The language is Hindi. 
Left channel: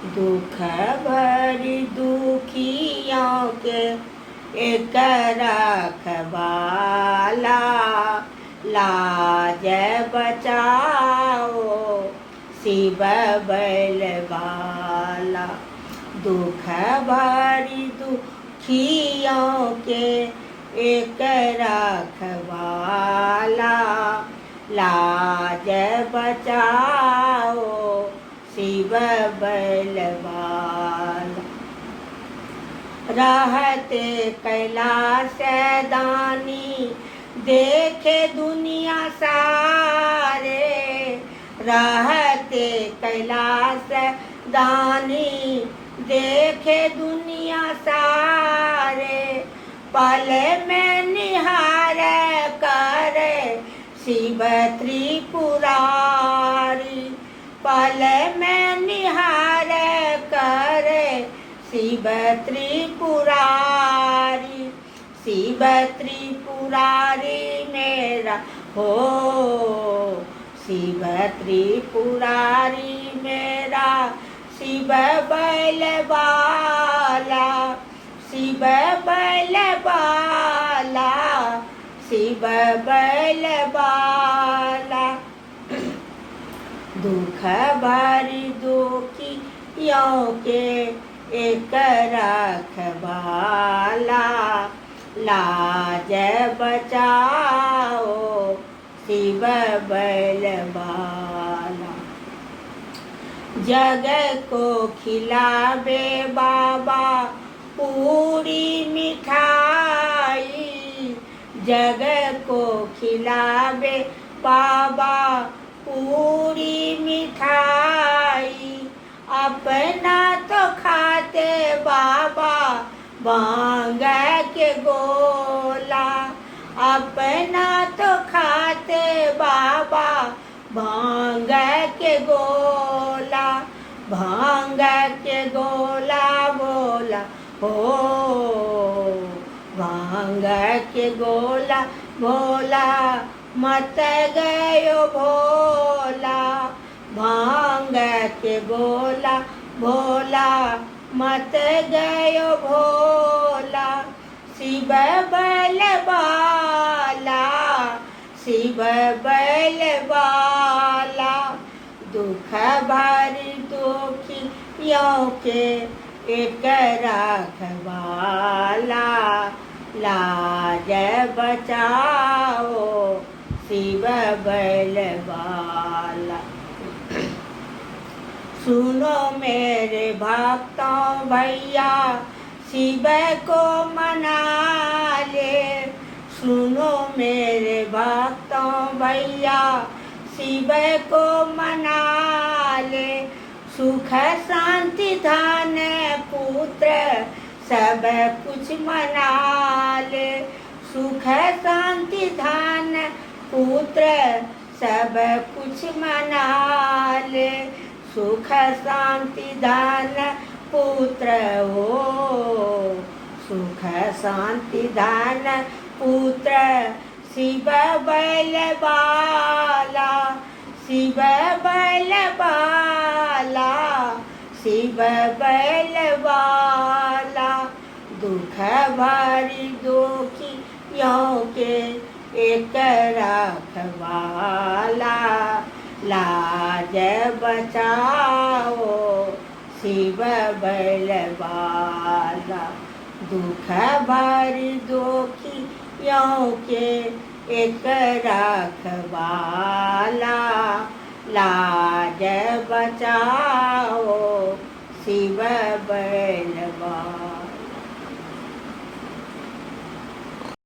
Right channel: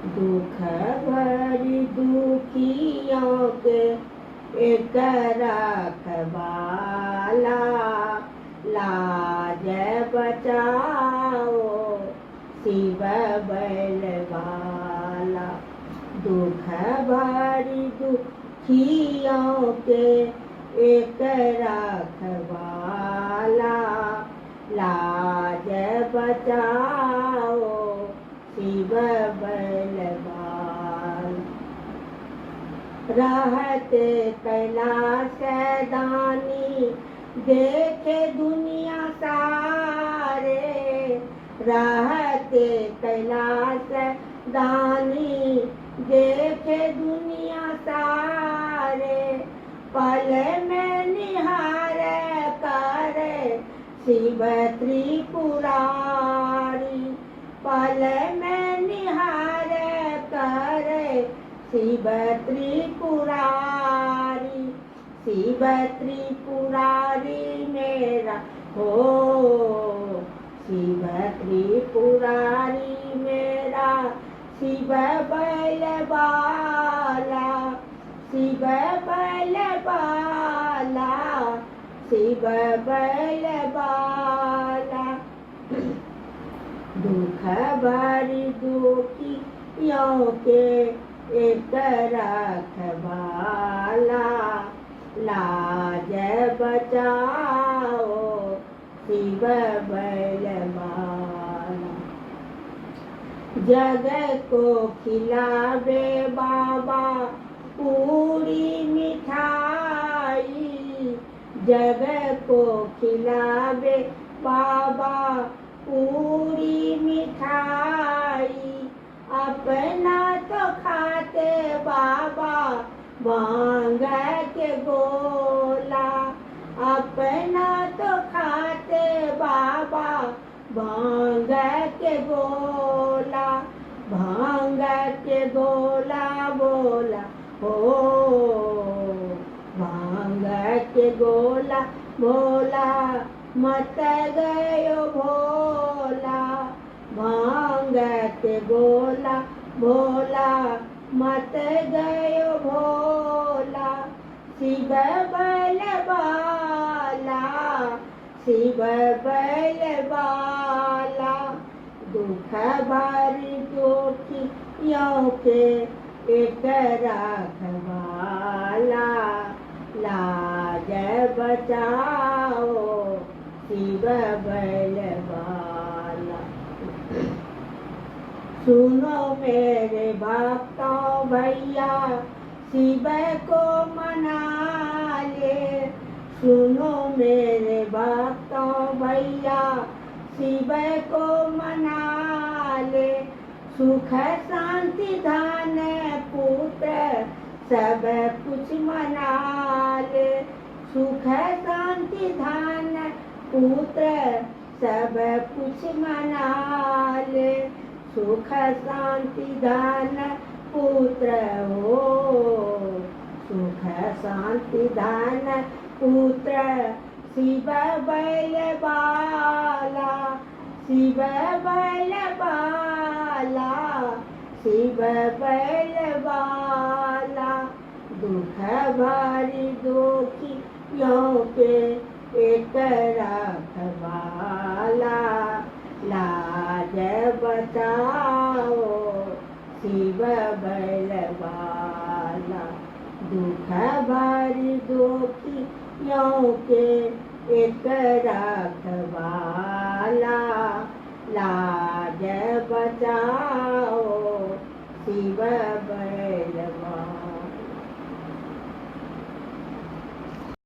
दुख भरी दुखियों के एक रखवाला, लाज बचाओ शिव बलवाला। दुख भरी दुखियों के एक रखवाला, लाज बचाओ शिव बलवाला। रहते कैलाश दानी देखे दुनिया सारे, रहते कैलाश दानी देखे दुनिया सारे, पल में निहार करे शिव त्रिपुरारी, पल में निहार करे शिव त्रिपुरारी। शिव त्रिपुरारी मेरा हो, शिव त्रिपुरारी मेरा, शिव बलवाला, शिव बलवाला, शिव बलवाला। दुख भरी दुखियों के एक रखवाला, लाज बचाओ शिव बलवाला। जग को खिलावे बाबा पूरी मिठाई, जग को खिलावे बाबा पूरी मिठाई, अपना तो खाते बाबा भांग के गोला, अपना तो खाते बाबा भांग के गोला, भांग के गोला बोला हो, भांग के गोला बोला मत गयो भोला, भांग के गोला भोला मत गयो भोला। शिव बलवाला, शिव बलवाला। दुख भरी दुखियों के एक रखवाला, लाज बचाओ शिव बलवाला। सुनो मेरे भक्तों भैया शिव को मना ले, सुनो मेरे भक्तों भैया शिव को मना ले। सुख शांति धन पुत्र सब कुछ मना ले, सुख शांति धन पुत्र सब कुछ मना ले। सुख शांति धन पुत्र हो, सुख शांति धन पुत्र शिव बलवाला, शिव बलवाला, शिव बलवाला। दुख भरी दुखियों के एक रखवाला, लाज बचाओ शिव बलवाला। दुख भरी दुखियों के एक रखवाला, लाज बचाओ शिव बलवाला।